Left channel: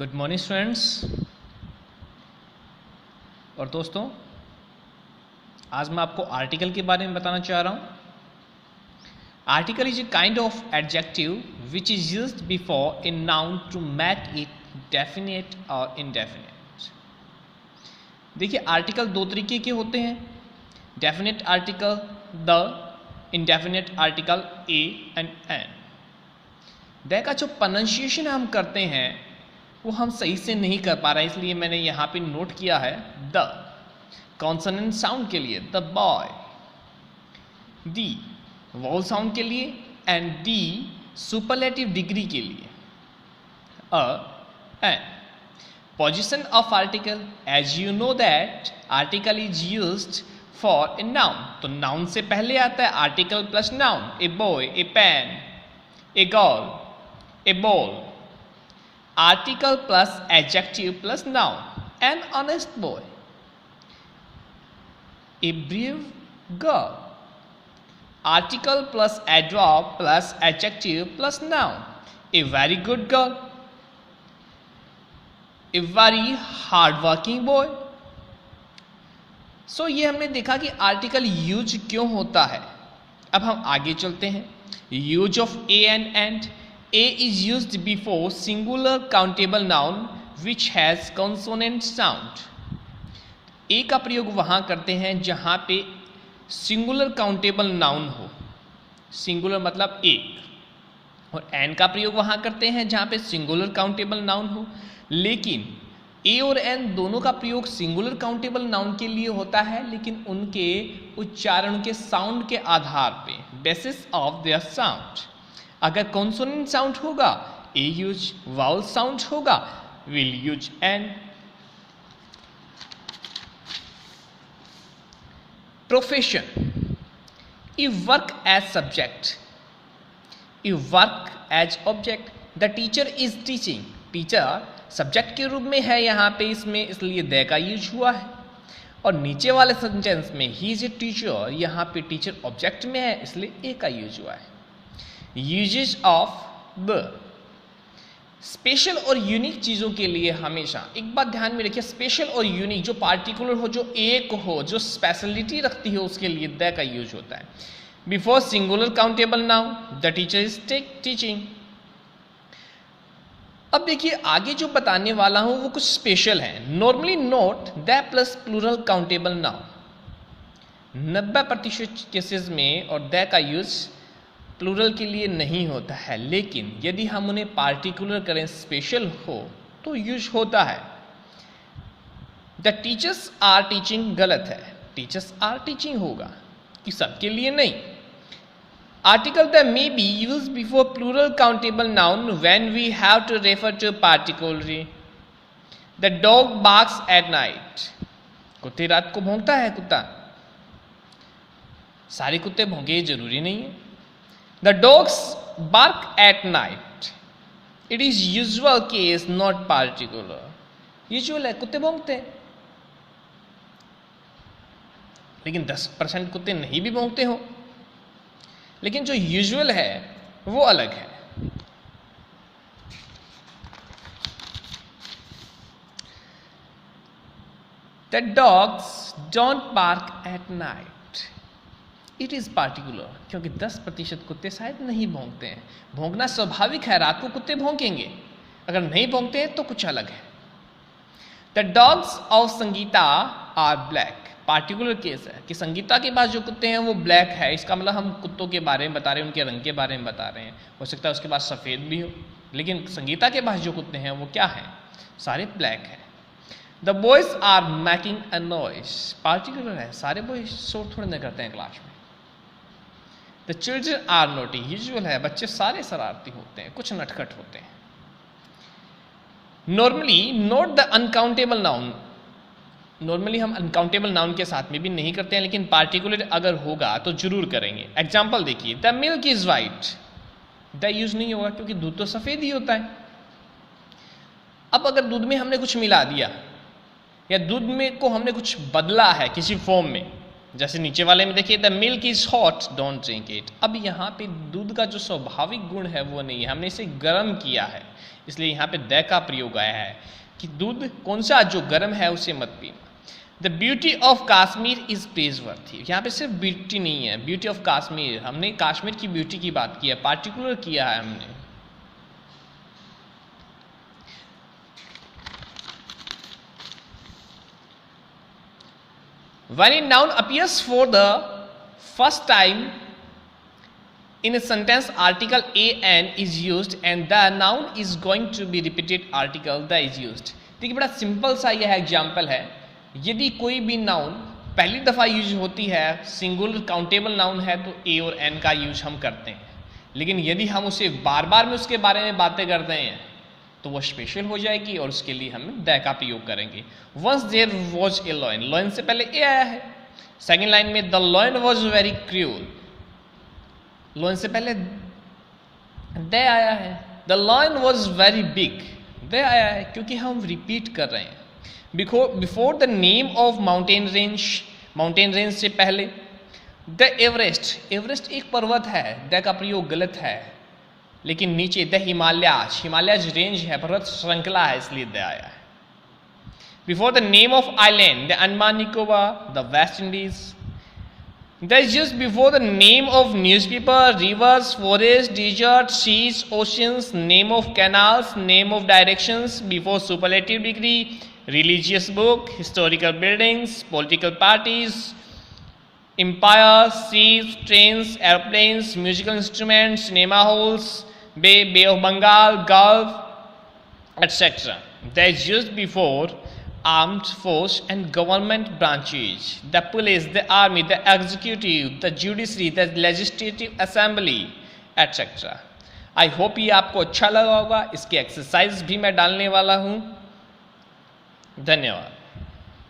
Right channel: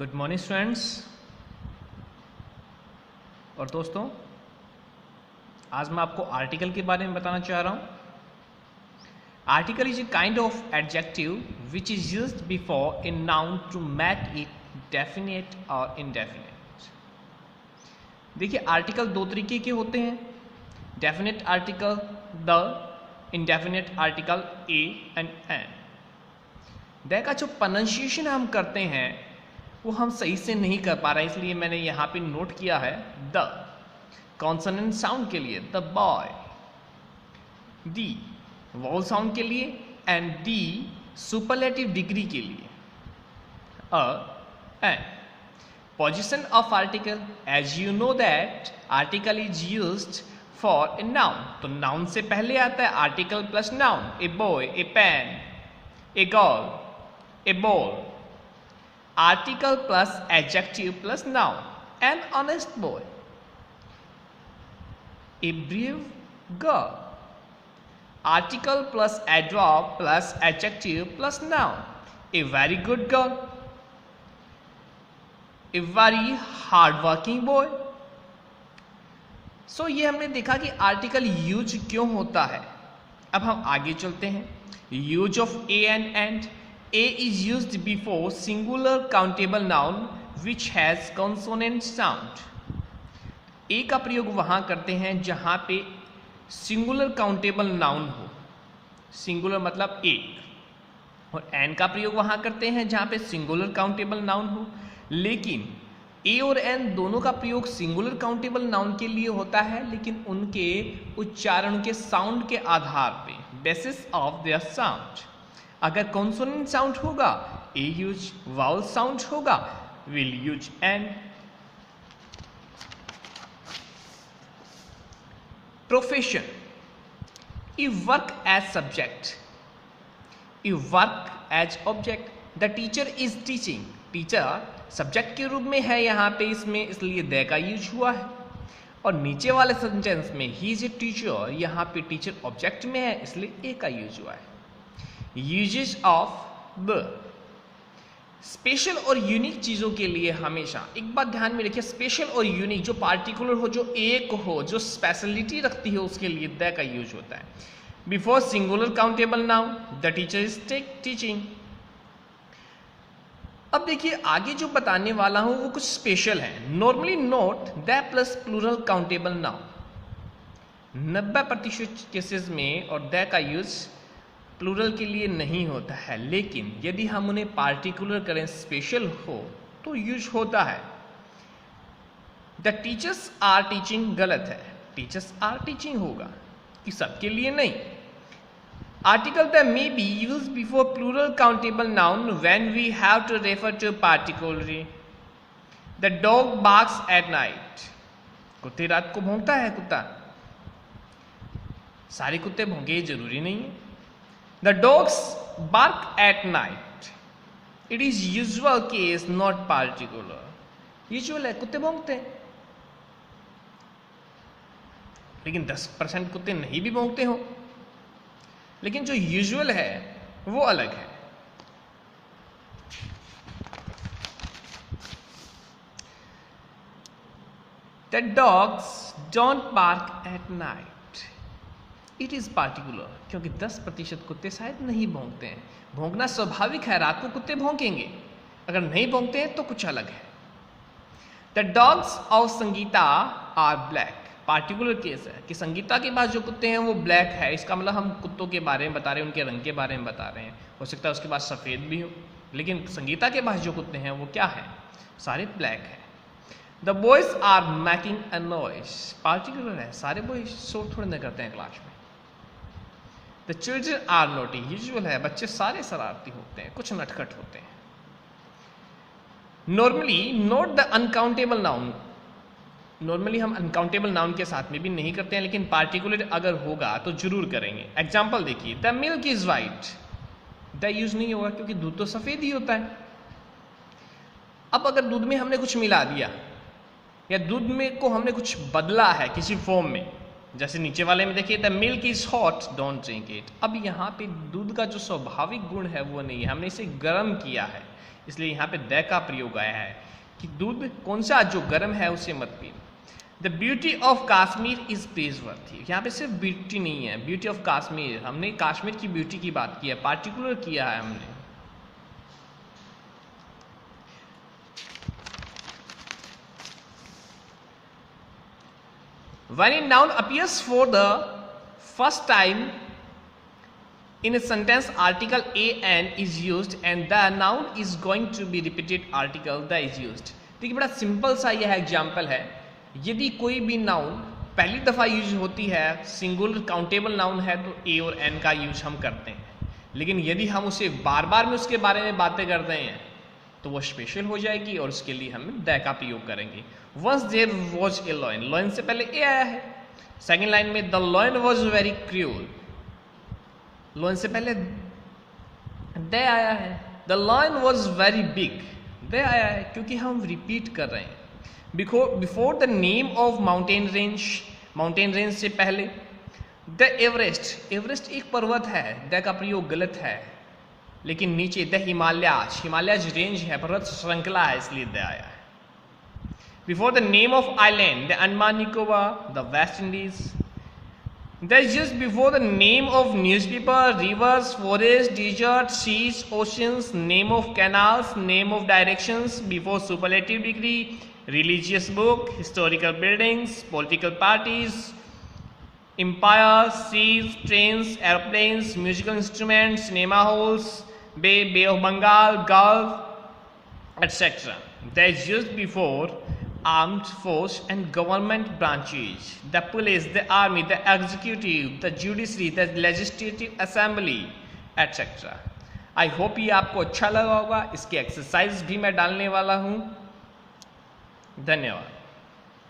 Good morning students और दोस्तों, आज मैं आपको आर्टिकल के बारे में बताना चाह रहा हूँ। Article is a kind of adjective which is used before a noun to make it definite और इनडेफिनेट। देखिए, आर्टिकल दो तरीके के होते हैं, definite article the, indefinite article a and an. The का जो प्रोनाउंसिएशन हम करते हैं वो हम सही से नहीं कर पा रहे, इसलिए मैंने यहाँ पे नोट किया है द कॉन्सोनेंट साउंड के लिए the boy, the vowel sound के लिए एंड डी सुपरलेटिव डिग्री के लिए an. Position of article, as you know that article is used for a noun. तो नाउन से पहले आता है article plus noun, a boy, a pen, a girl, a ball. Article plus adjective plus noun, an honest boy, a brave girl. Article plus adverb plus adjective plus noun, a very good girl, a very hardworking boy. So ये हमने देखा कि article use क्यों होता है। अब हम आगे चलते हैं। Use of A and and. A is used before singular countable noun which has consonant sound. A का प्रयोग वहाँ करते हैं जहाँ पे सिंगुलर काउंटेबल नाउन हो, सिंगुलर मतलब एक, और एन का प्रयोग वहाँ करते हैं जहाँ पे सिंगुलर काउंटेबल नाउन हो। लेकिन ए और एन दोनों का प्रयोग सिंगुलर काउंटेबल नाउन के लिए होता है, लेकिन उनके उच्चारण के साउंड के आधार पे, बेसिस ऑफ देयर साउंड। अगर कॉन्सोनेंट साउंड होगा ए यूज, वाउल साउंड होगा will use an. Profession, you work as subject, you work as object. The teacher is teaching, teacher subject के रूप में है यहाँ पे इसमें, इसलिए द का यूज हुआ है। और नीचे वाले सेंटेंस में ही इज ए टीचर, यहाँ पे टीचर ऑब्जेक्ट में है, इसलिए ए का यूज हुआ है। यूजेज ऑफ द, स्पेशल और यूनिक चीज़ों के लिए हमेशा एक बात ध्यान में रखिए, स्पेशल और यूनिक, जो पार्टिकुलर हो, जो एक हो, जो स्पेशलिटी रखती है, उसके लिए द का यूज होता है। Before singular countable noun, the teacher is teaching. अब देखिए, आगे जो बताने वाला हूं वो कुछ स्पेशल है। Normally note the plus plural countable noun. 90% cases में और द का यूज प्लूरल के लिए नहीं होता है, लेकिन यदि हम उन्हें पार्टिकुलर करें, स्पेशल हो, तो यूज होता है। द टीचर्स आर टीचिंग गलत है, टीचर्स आर टीचिंग होगा, कि सबके लिए नहीं। Article the may be use before plural countable noun when we have to refer to particular. The dog barks at night, कुत्ते रात को भौंकता है कुत्ता। सारे कुत्ते भौंके जरूरी नहीं है। The dogs bark at night. It is usual case, not particular. Usual है, कुत्ते भौंकते हैं, लेकिन 10% कुत्ते नहीं भी भौंकते हो, लेकिन जो यूजुअल है वो अलग है। The dogs don't bark at night. It is particular, क्योंकि 10% कुत्ते शायद नहीं भौंकते हैं। भौंकना स्वाभाविक है, रात को कुत्ते भौंकेंगे, अगर नहीं भौंकते हैं तो कुछ अलग है। The dogs of Sangeeta are black, particular case है कि संगीता के पास जो कुत्ते हैं वो ब्लैक है, इसका मतलब हम कुत्तों के बारे में बता रहे हैं, उनके रंग के बारे में बता रहे हैं। हो सकता है उसके पास सफ़ेद भी हो, लेकिन संगीता के पास जो कुत्ते हैं वो क्या है, सारे ब्लैक है। The boys are making a noise, particular है, सारे बॉयज शोर थोड़े न करते हैं क्लास में। The children are naughty, usual है, बच्चे सारे शरारती होते हैं, कुछ नटखट होते हैं। Normally note the uncountable noun, normally हम अनकाउंटेबल नाउन के साथ में भी नहीं करते हैं, लेकिन पार्टिकुलर अगर होगा तो जरूर करेंगे। एग्जाम्पल देखिए, the milk is white, the use नहीं होगा क्योंकि दूध तो सफेद ही होता है। अब अगर दूध में हमने कुछ मिला दिया या दूध में को हमने कुछ बदला है किसी फॉर्म में, जैसे नीचे वाले में देखिए, the milk is hot don't drink it. अब यहाँ पे दूध का जो स्वाभाविक गुण है वो नहीं है, हमने इसे गर्म किया है, इसलिए यहाँ पे द का प्रयोग आया है कि दूध कौन सा जो गर्म है उसे मत पीना। The beauty of Kashmir is praiseworthy, यहाँ पे सिर्फ ब्यूटी नहीं है, ब्यूटी ऑफ काश्मीर, हमने काश्मीर की ब्यूटी की बात की है, पार्टिकुलर किया है हमने। When a noun appears for the first time in a sentence, article an is used and the noun is going to be repeated, article the is used। देखिए बड़ा सिंपल सा यह एग्जाम्पल है। यदि कोई भी नाउन पहली दफ़ा यूज होती है, सिंगुलर काउंटेबल नाउन है, तो ए और एन का यूज हम करते हैं। लेकिन यदि हम उसे बार बार में उसके बारे में बातें करते हैं तो वो स्पेशल हो जाएगी और उसके लिए हम द का प्रयोग करेंगे। Once there was a lion, lion से पहले ए आया है। सेकेंड लाइन में the lion was very cruel, lion से पहले द आया है। The lion was very big, the आया है क्योंकि हम रिपीट कर रहे हैं। Before the name of mountain range, mountain range से पहले द एवरेस्ट, एवरेस्ट एक पर्वत है, द का प्रयोग गलत है। लेकिन नीचे द हिमालयाज, हिमालयाज रेंज है, पर्वत श्रृंखला है, इसलिए द आया है। Before the name of island, the Andaman Nicobar, the West Indies. The is used before the name of newspaper, rivers, forest, desert, seas, oceans, name of canals, name of directions, before superlative degree, religious book, historical buildings, political parties, empires, seas, trains, airplanes, musical instruments, cinema halls, Bay of Bengal, Gulf, etc. That is used before armed force and government branches, the police, the army, the executive, the judiciary, the legislative assembly, etc. I hope ये आपको अच्छा लगा होगा। इसकी exercise भी मैं डालने वाला हूँ। धन्यवाद।